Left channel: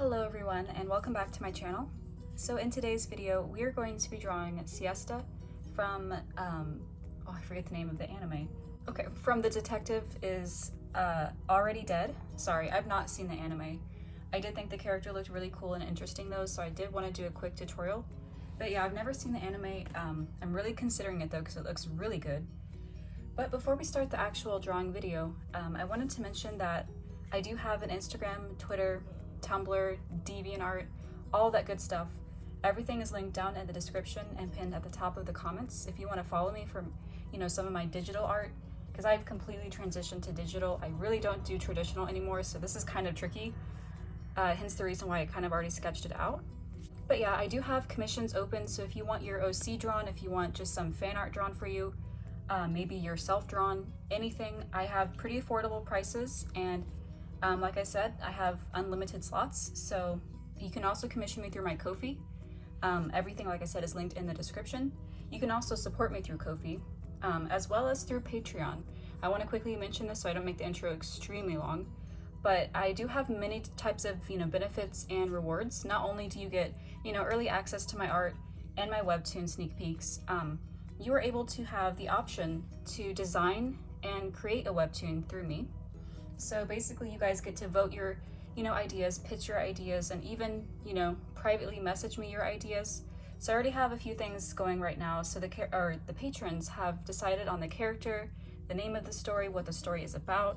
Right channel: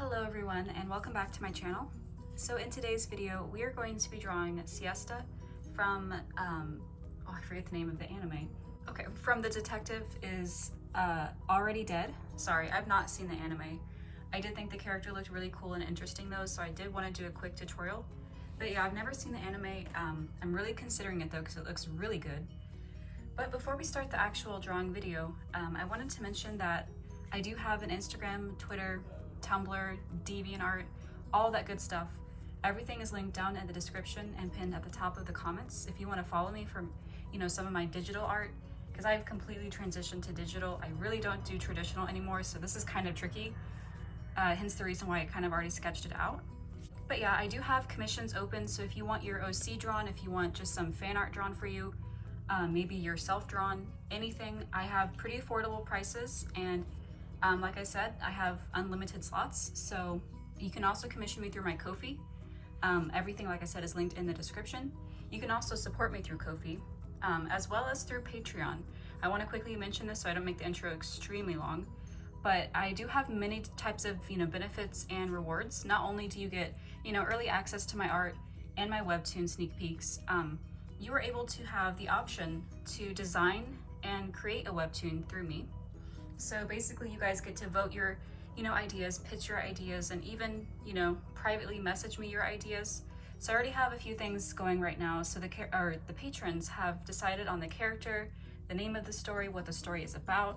Hello everyone and welcome back to my channel. So in today's video we are going to be drawing Siesta from, I forget the name of the anime. Okay, from The Detective Is Already Dead. Sorry, I've not seen the anime. I did think the character looked really cool and interesting though, so I did want to do a quick tutorial. But yeah, I've never seen the anime. I'm really considering it though because it looks really good. But before we start the actual drawing video, I wanted to mention that I do have an Instagram, Twitter, Tumblr, DeviantArt, all that good stuff. Everything is linked down in the description and pinned at the top of the comments if you want to follow me for, some of my digital art, because I've completely transitioned to digital. I really don't do traditional anymore, so this is kind of tricky. Hence the reason why I kind of already sketched it out. But yeah, I do have commissions open, so if you want your OC drawn, if you want just some fan art drawn for you, maybe your self-drawn, anything, I have pretty affordable prices, and like I said, I have unlimited slots, so you can also commission me through my Ko-fi. Everything, like I said, is linked in the description. You can also support me through Ko-fi, as well as through Patreon. I want to quickly mention this so I don't make the intro extremely long, but I do have many types of benefits and rewards. Not only do you get early access to my art and my webtoon sneak peeks, you are able to have the option to design and create a webtoon through me. So basically you guys get to vote your ideas, pitch your ideas, and even privately message me your ideas. So I already have a few things going right now. So the patrons have decided on the character, the name of the story, what the story is about.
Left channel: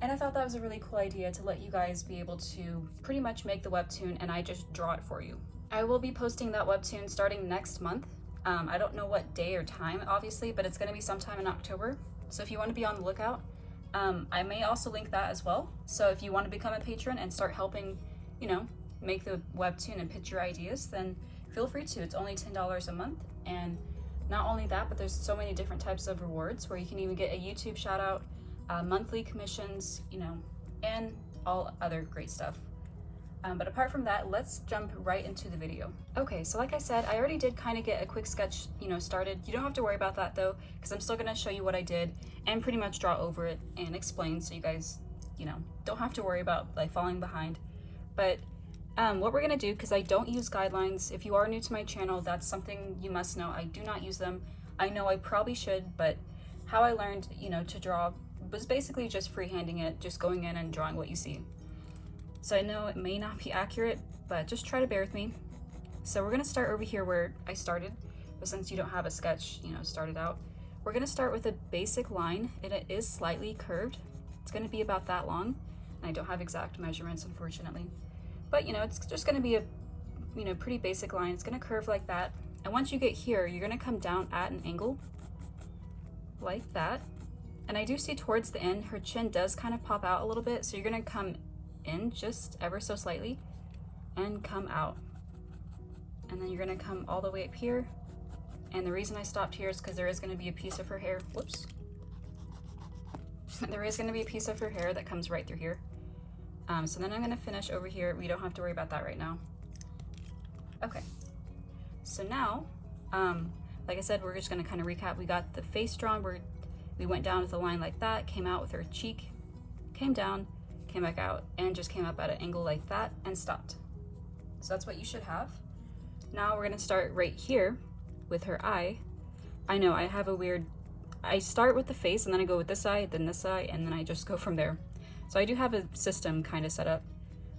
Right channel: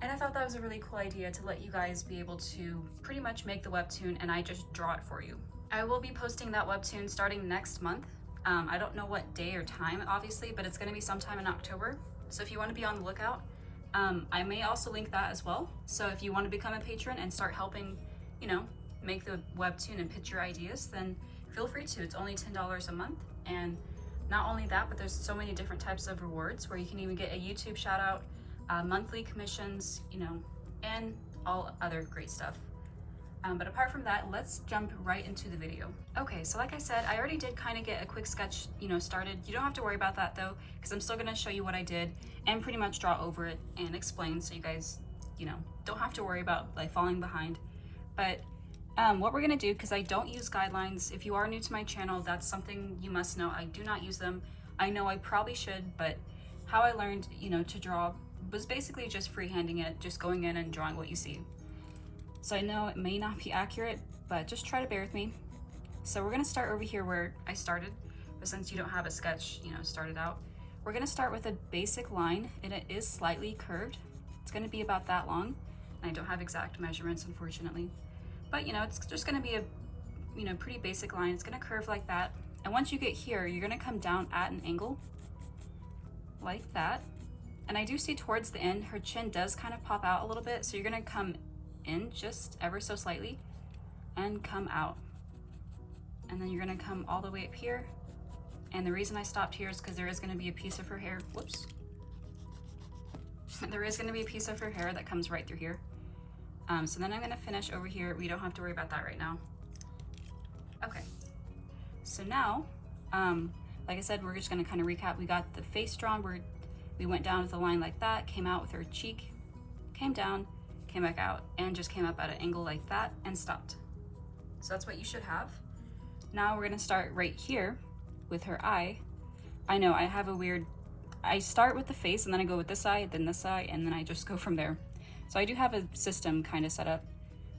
And I thought that was a really cool idea to let you guys be able to pretty much make the webtoon and I just draw it for you. I will be posting that webtoon starting next month. I don't know what day or time obviously, but it's going to be sometime in October. So if you want to be on the lookout, I may also link that as well. So if you want to become a patron and start helping, make the webtoon and pitch your ideas, then feel free to. It's only $10 a month. And not only that, but there's so many different types of rewards where you can even get a YouTube shout out, monthly commissions, and all other great stuff. But apart from that, let's jump right into the video. Okay, so like I said, I already did kind of get a quick sketch, started. You don't have to worry about that though, because I'm still gonna show you what I did and pretty much draw over it and explain so you guys, don't have to worry about like falling behind. But what we're gonna do, because I don't use guidelines, if you are new to my channel, that's something you must know. I do not use them. I know I probably should, but how I learned, to draw was basically just freehanding it, just going in and drawing what you see. So I know it may not be accurate, but just try to bear with me. So we're gonna start over here where I started, but since you don't have a sketch, started out, we're gonna start with a basic line, and it is slightly curved. It's gonna be about that long, and I don't have exact measurements, unfortunately. But it's just gonna be a pretty basic line. It's gonna curve like that. And once you get here, you're gonna come down at an angle, like that. And I do see towards the end, her chin does kind of pop out a little bit, so you're gonna come in just ever so slightly and come out, and then you're gonna come all the way up here. And the reason I stopped here is because there is going to be a piece of her hair, whoops, there is going to be a piece of her hair that comes right through here. So then I'm going to finish over here. We don't have to worry about that right now. Okay, so now like I said, we're just going to kind of recap. We got the face drawn where we went down with a line like that, came out with her cheek, came down, came back out, and just came up at an angle like that and stopped. So that's what you should have. Now we're gonna start right here with her eye. I know I have I start with the face and then I go with this eye, then this eye, and then I just go from there. So I do have a system kind of set up.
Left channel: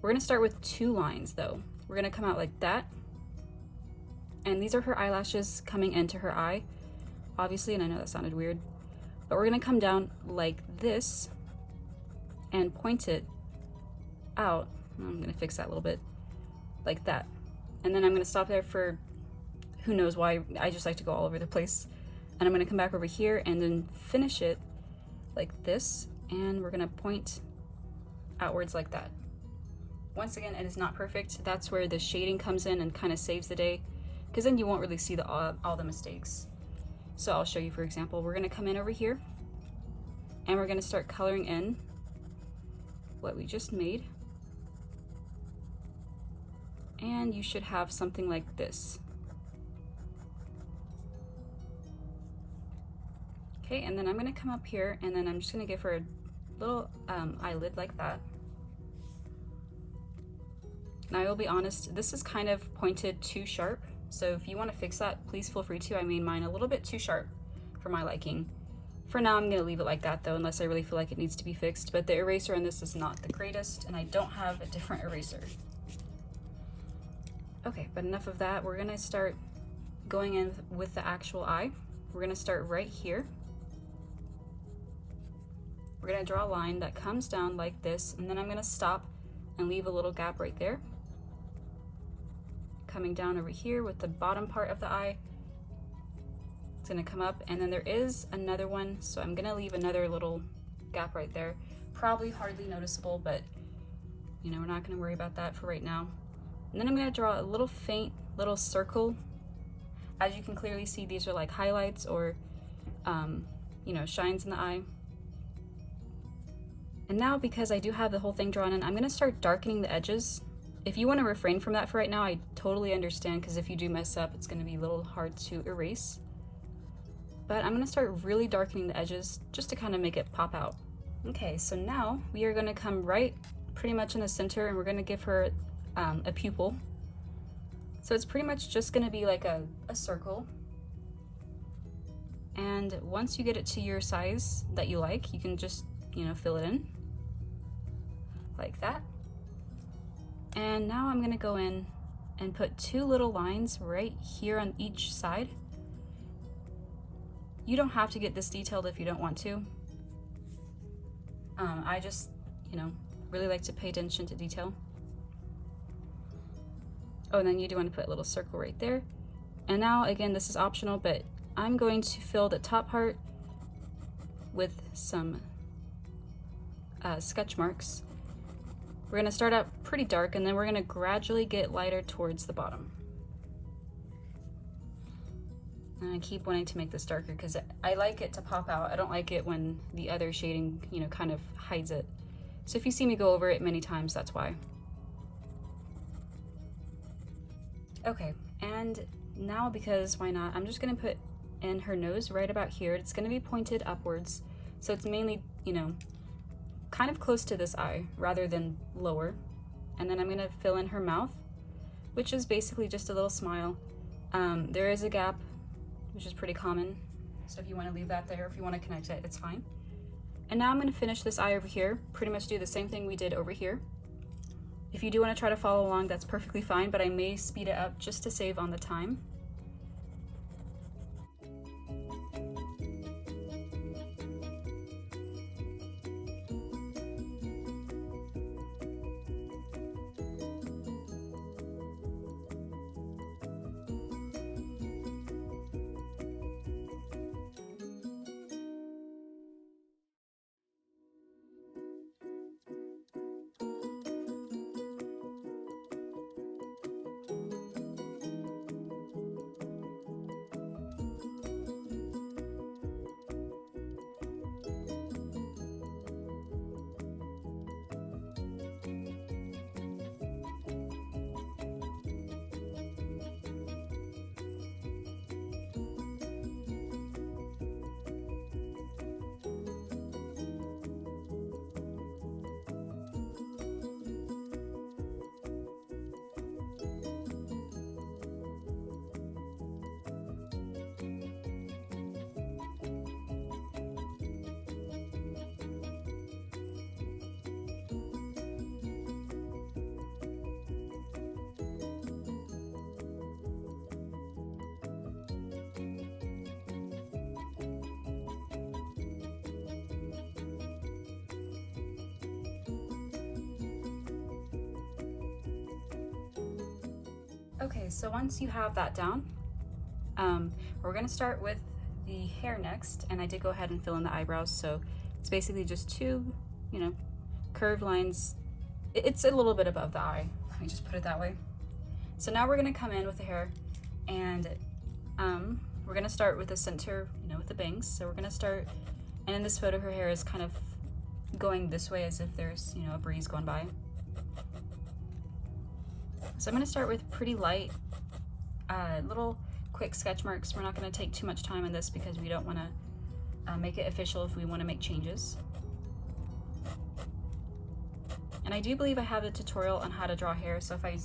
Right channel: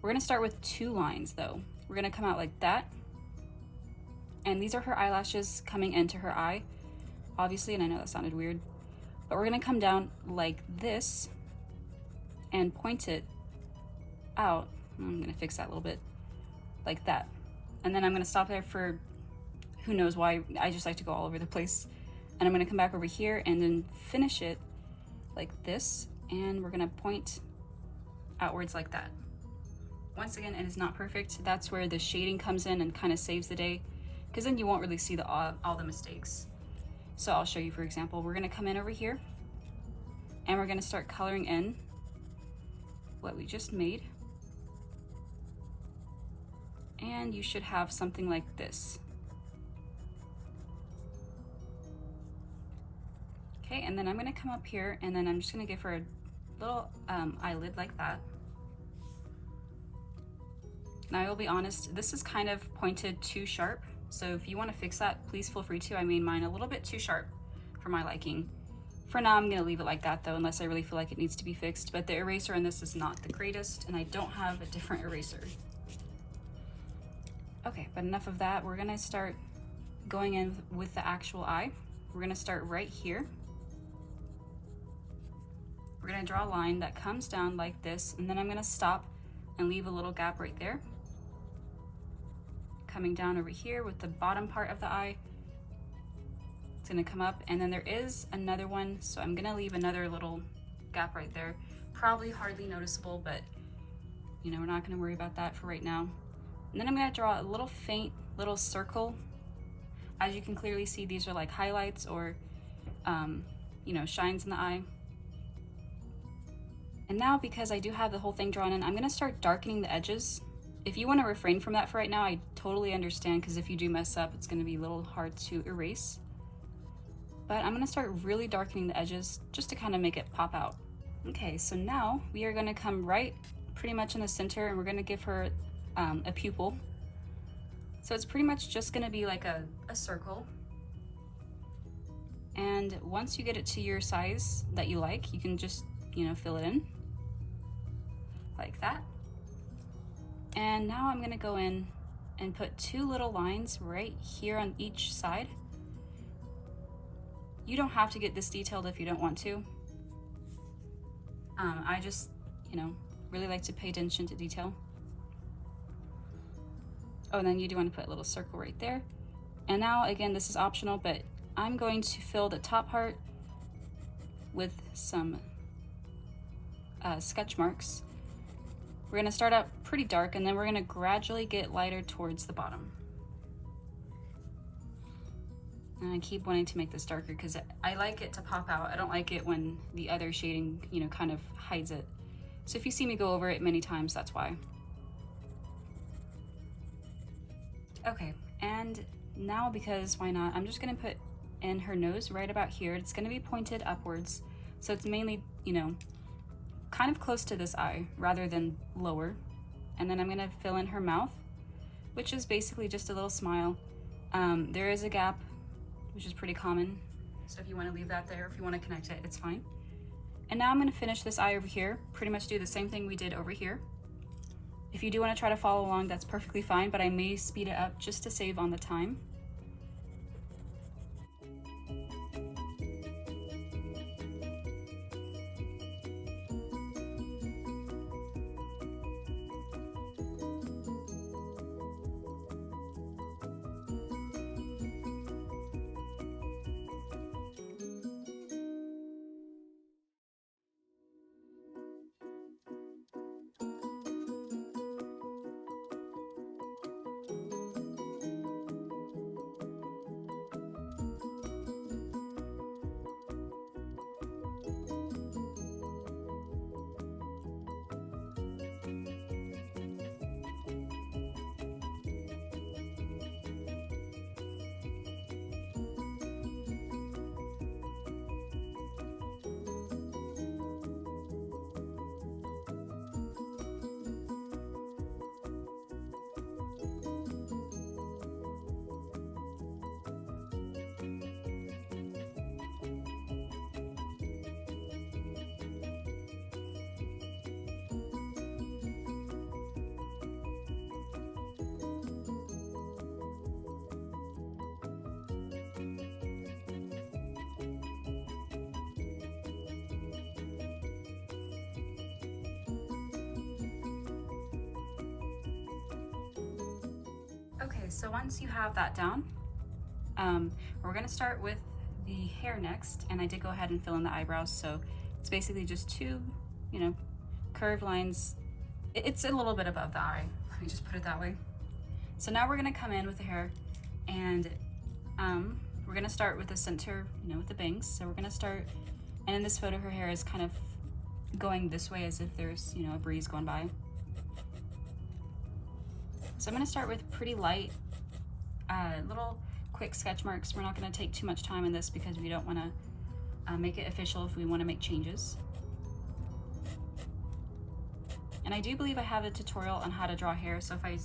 We're gonna start with 2 lines though. We're gonna come out like that. And these are her eyelashes coming into her eye, obviously, and I know that sounded weird, but we're gonna come down like this and point it out. I'm gonna fix that a little bit, like that. And then I'm gonna stop there for who knows why. I just like to go all over the place. And I'm gonna come back over here and then finish it like this. And we're gonna point outwards like that. Once again, it is not perfect. That's where the shading comes in and kind of saves the day, because then you won't really see all the mistakes. So I'll show you, for example, we're gonna come in over here and we're gonna start coloring in what we just made. And you should have something like this. Okay, and then I'm gonna come up here and then I'm just gonna give her a little eyelid like that. Now I will be honest, this is kind of pointed too sharp. So if you want to fix that, please feel free to. I made mine a little bit too sharp for my liking. For now, I'm gonna leave it like that though, unless I really feel like it needs to be fixed. But the eraser in this is not the greatest, and I don't have a different eraser. Okay, but enough of that. We're gonna start going in with the actual eye. We're gonna start right here. We're gonna draw a line that comes down like this, and then I'm gonna stop and leave a little gap right there. Coming down over here with the bottom part of the eye. It's gonna come up, and then there is another one, so I'm gonna leave another little gap right there. Probably hardly noticeable, but you know, we're not gonna worry about that for right now. And then I'm gonna draw a little faint little circle. As you can clearly see, these are like highlights or you know, shines in the eye. And now, because I do have the whole thing drawn in, I'm gonna start darkening the edges. If you wanna refrain from that for right now, I totally understand, because if you do mess up, it's gonna be a little hard to erase. But I'm gonna start really darkening the edges just to kind of make it pop out. Okay, so now we are gonna come right pretty much in the center, and we're gonna give her a pupil. So it's pretty much just gonna be like a circle. And once you get it to your size that you like, you can just, you know, fill it in like that. And now I'm gonna go in and put two little lines right here on each side. You don't have to get this detailed if you don't want to. I just, you know, really like to pay attention to detail. Oh, and then you do want to put a little circle right there. And now, again, this is optional, but I'm going to fill the top part with some sketch marks. We're gonna start out pretty dark, and then we're gonna gradually get lighter towards the bottom. And I keep wanting to make this darker because I like it to pop out. I don't like it when the other shading, you know, kind of hides it. So if you see me go over it many times, that's why. Okay, and now, because why not, I'm just gonna put in her nose right about here. It's gonna be pointed upwards. So it's mainly, you know, kind of close to this eye rather than lower. And then I'm gonna fill in her mouth, which is basically just a little smile. There is a gap, which is pretty common. So if you wanna leave that there, if you wanna connect it, it's fine. And now I'm gonna finish this eye over here, pretty much do the same thing we did over here. If you do wanna try to follow along, that's perfectly fine, but I may speed it up just to save on the time. Okay, so once you have that down, we're gonna start with the hair next, and I did go ahead and fill in the eyebrows, so it's basically just two, you know, curved lines. It's a little bit above the eye, let me just put it that way. So now we're gonna come in with the hair, and we're gonna start with the center, you know, with the bangs. So we're gonna start, and in this photo, her hair is kind of going this way as if there's, you know, a breeze going by. So I'm gonna start with pretty light, little quick sketch marks. We're not gonna take too much time in this because we don't wanna make it official if we wanna make changes. And And I do believe I have a tutorial on how to draw hair, so if I,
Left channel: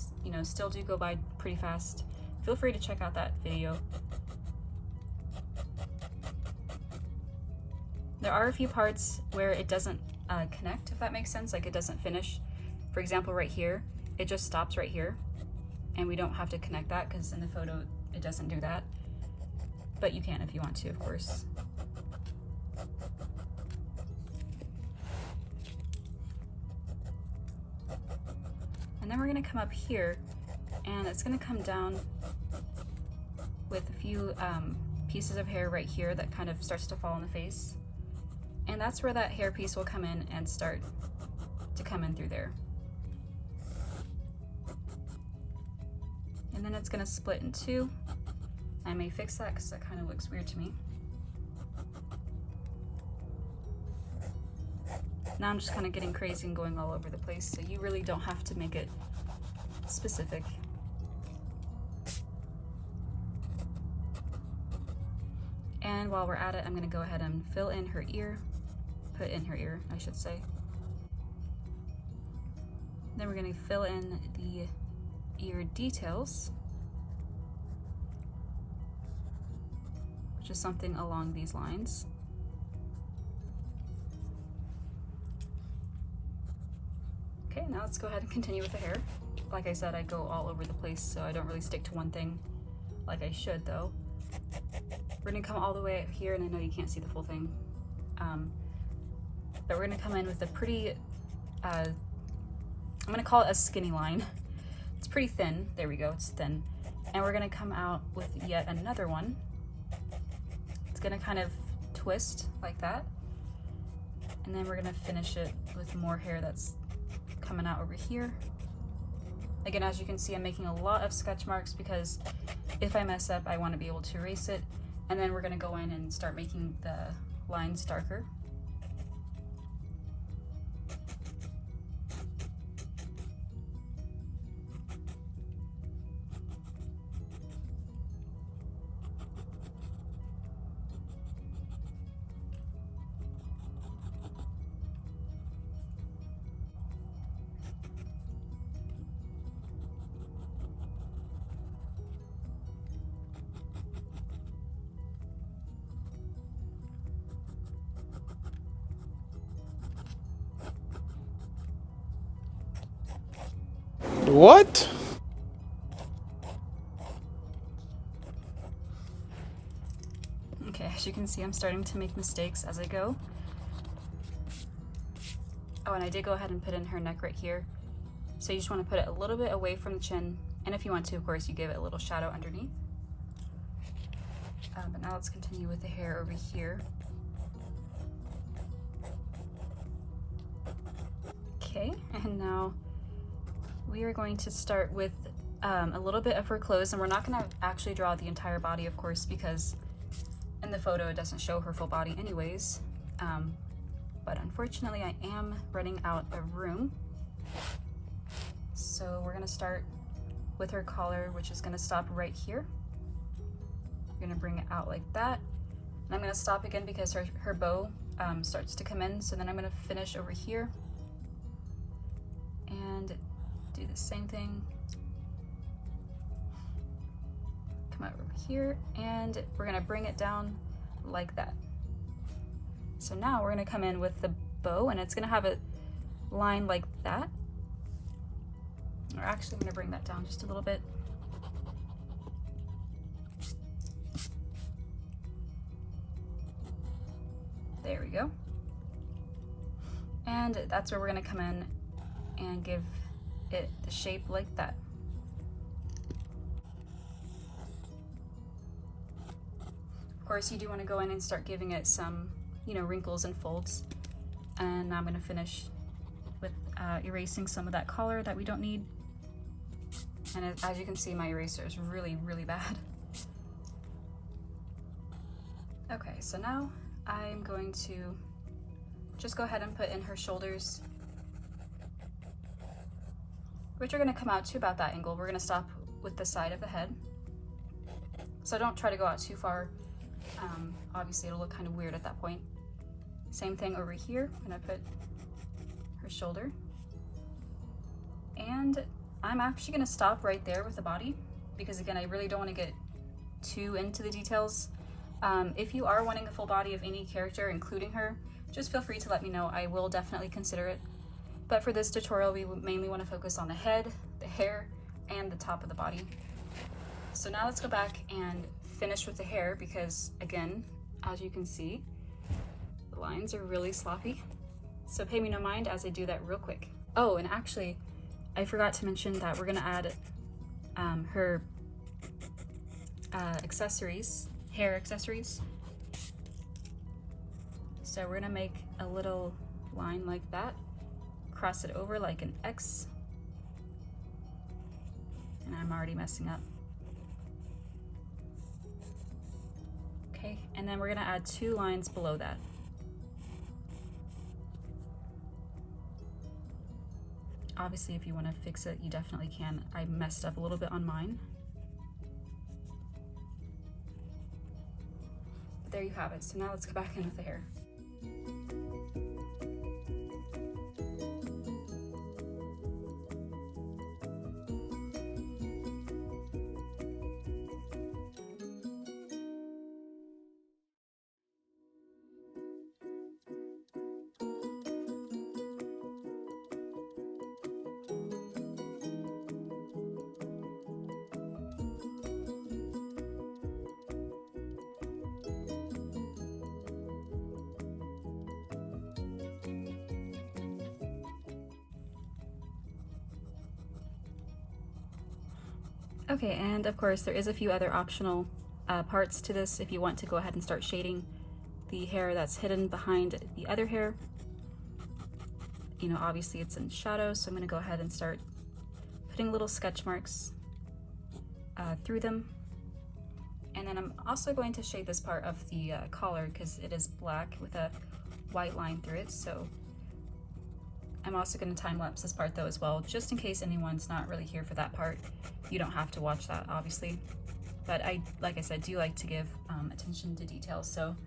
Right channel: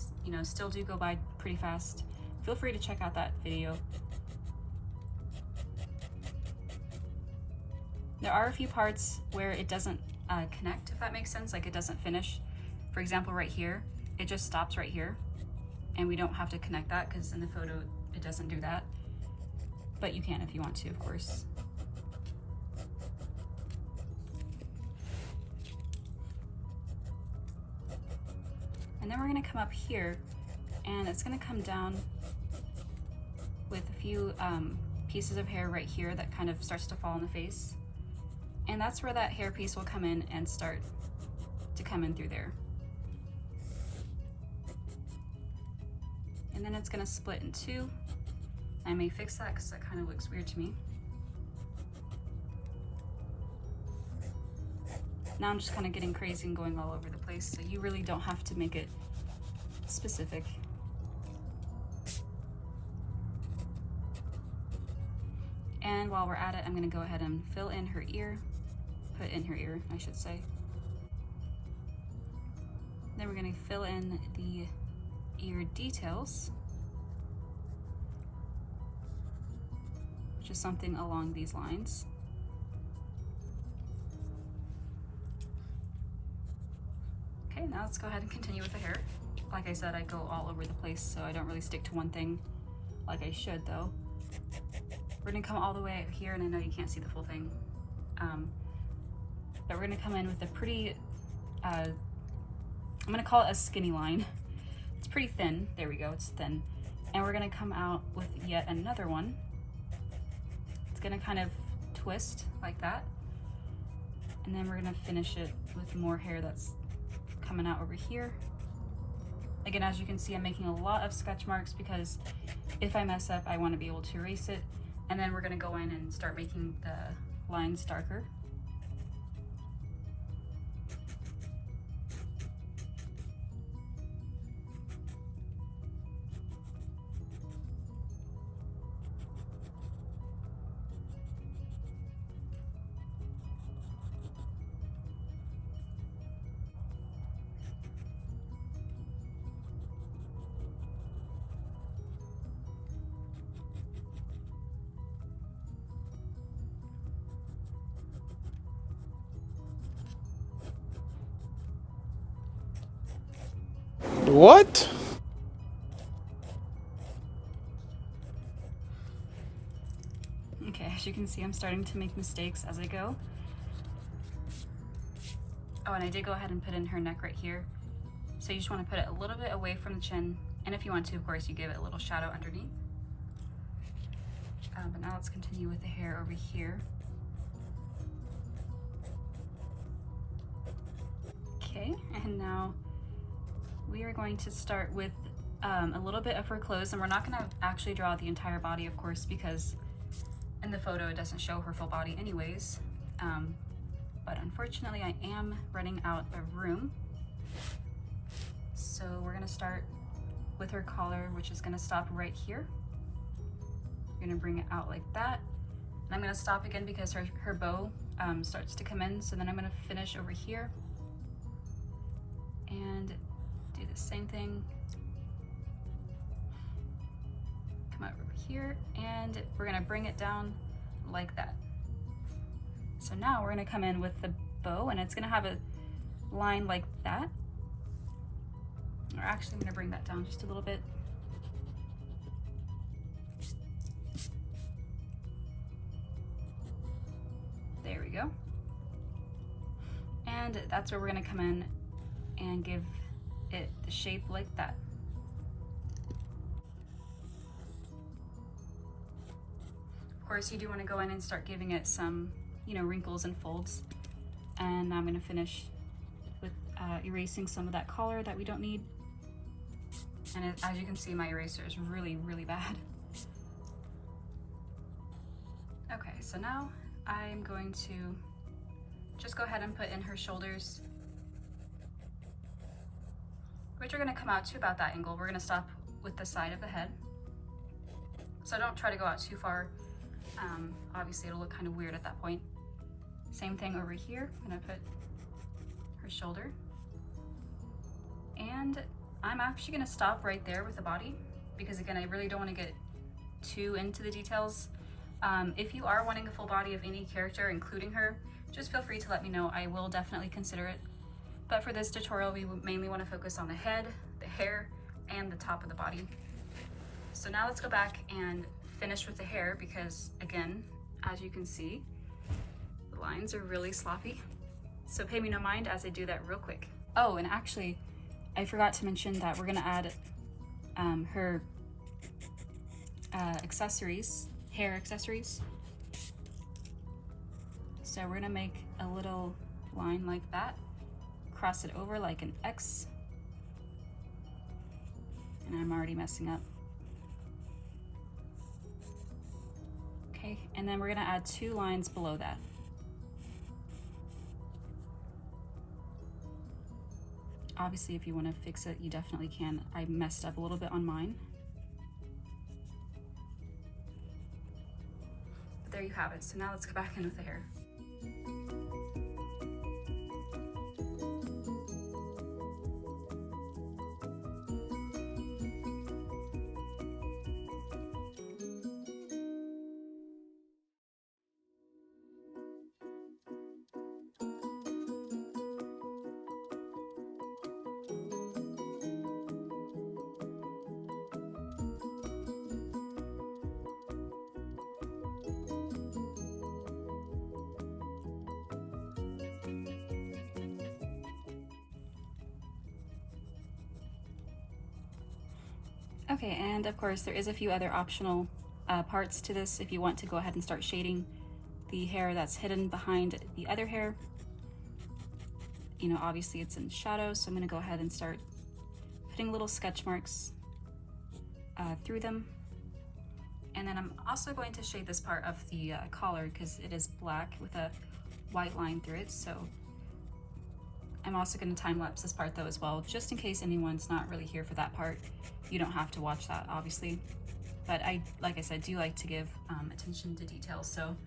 still do go by pretty fast, feel free to check out that video. There are a few parts where it doesn't connect, if that makes sense, like it doesn't finish. For example, right here, it just stops right here, and we don't have to connect that because in the photo it doesn't do that. But you can if you want to, of course. And then we're gonna come up here, and it's gonna come down with a few pieces of hair right here that kind of starts to fall on the face. And that's where that hair piece will come in and start to come in through there. And then it's gonna split in two. I may fix that because that kind of looks weird to me. Now I'm just kind of getting crazy and going all over the place, so you really don't have to make it specific. And while we're at it, I'm gonna go ahead and fill in her ear, put in her ear, I should say. Then we're gonna fill in the ear details, just something along these lines. Okay, now let's go ahead and continue with the hair. Like I said, I go all over the place, so I don't really stick to one thing like I should though. We're gonna come all the way up here, and I know you can't see the full thing, but we're gonna come in with a pretty, I'm gonna call it a skinny line. It's pretty thin, there we go, it's thin. And we're gonna come out with yet another one. It's gonna kind of twist like that. And then we're gonna finish it with more hair that's coming out over here. Again, as you can see, I'm making a lot of sketch marks because if I mess up, I want to be able to erase it. And then we're going to go in and start making the lines darker. What? Okay, as you can see, I'm starting to make mistakes as I go. Oh, and I did go ahead and put in her neck right here. So you just want to put it a little bit away from the chin. And if you want to, of course, you give it a little shadow underneath. But now let's continue with the hair over here. Okay, and now we are going to start with a little bit of her clothes, and we're not going to actually draw the entire body, of course, because in the photo it doesn't show her full body anyways. But unfortunately I am running out of room. So we're going to start with her collar, which is going to stop right here. We're going to bring it out like that. And I'm going to stop again because her bow starts to come in. So then I'm going to finish over here and do the same thing. Come over here, and we're going to bring it down like that. So now we're going to come in with the bow, and it's going to have a line like that. Or actually, I'm going to bring that down just a little bit. There we go. And that's where we're going to come in and give it the shape like that. Of course, you do want to go in and start giving it some, wrinkles and folds. And now I'm going to finish with erasing some of that color that we don't need. And as you can see, my eraser is really, really bad. Okay, so now I'm going to just go ahead and put in her shoulders, which are going to come out to about that angle. We're going to stop with the side of the head. So don't try to go out too far. Obviously it'll look kind of weird at that point. Same thing over here. I'm going to put her shoulder. And I'm actually gonna stop right there with the body because again, I really don't want to get too into the details. If you are wanting a full body of any character, including her, just feel free to let me know. I will definitely consider it. But for this tutorial, we mainly want to focus on the head, the hair, and the top of the body. So now let's go back and finish with the hair because again, as you can see, the lines are really sloppy. So pay me no mind as I do that real quick. Oh, and actually, I forgot to mention that we're gonna add her accessories, hair accessories. So we're gonna make a little line like that, cross it over like an X, and I'm already messing up. Okay, and then we're gonna add 2 lines below that. Obviously, if you want to fix it, you definitely can. I messed up a little bit on mine. But there you have it. So now let's go back in with the hair. Okay, and of course there is a few other optional parts to this if you want to go ahead and start shading the hair that's hidden behind the other hair. You know, obviously it's in shadow, so I'm gonna go ahead and start putting little sketch marks through them. And then I'm also going to shade this part of the collar because it is black with a white line through it. So I'm also going to time lapse this part though as well, just in case anyone's not really here for that part. You don't have to watch that, obviously. But like I said, do like to give attention to detail. So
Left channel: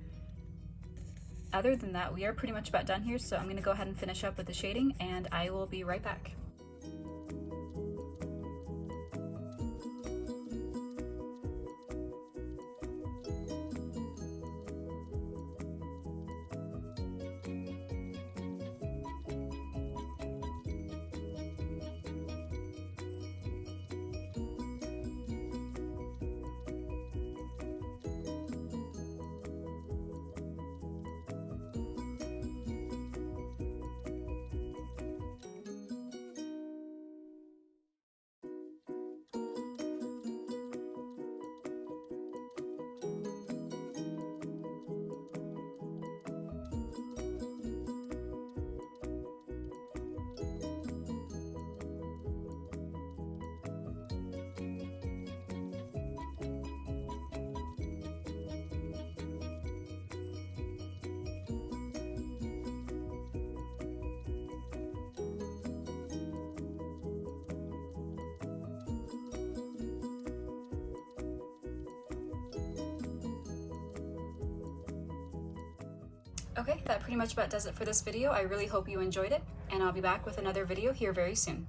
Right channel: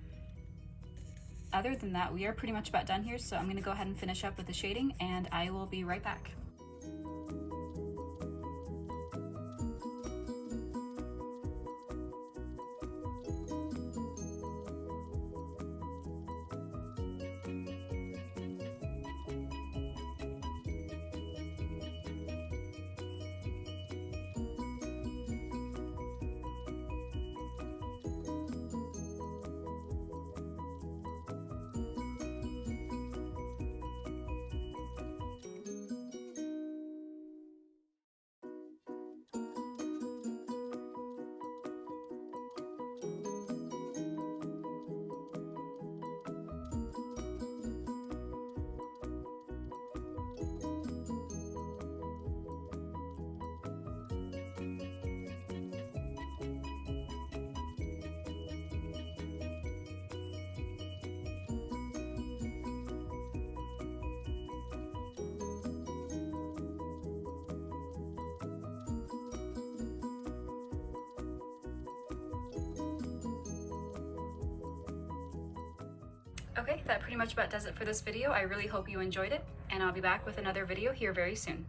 other than that, we are pretty much about done here. So I'm going to go ahead and finish up with the shading and I will be right back. Okay, that pretty much about does it for this video. I really hope you enjoyed it, and I'll be back with another video here very soon.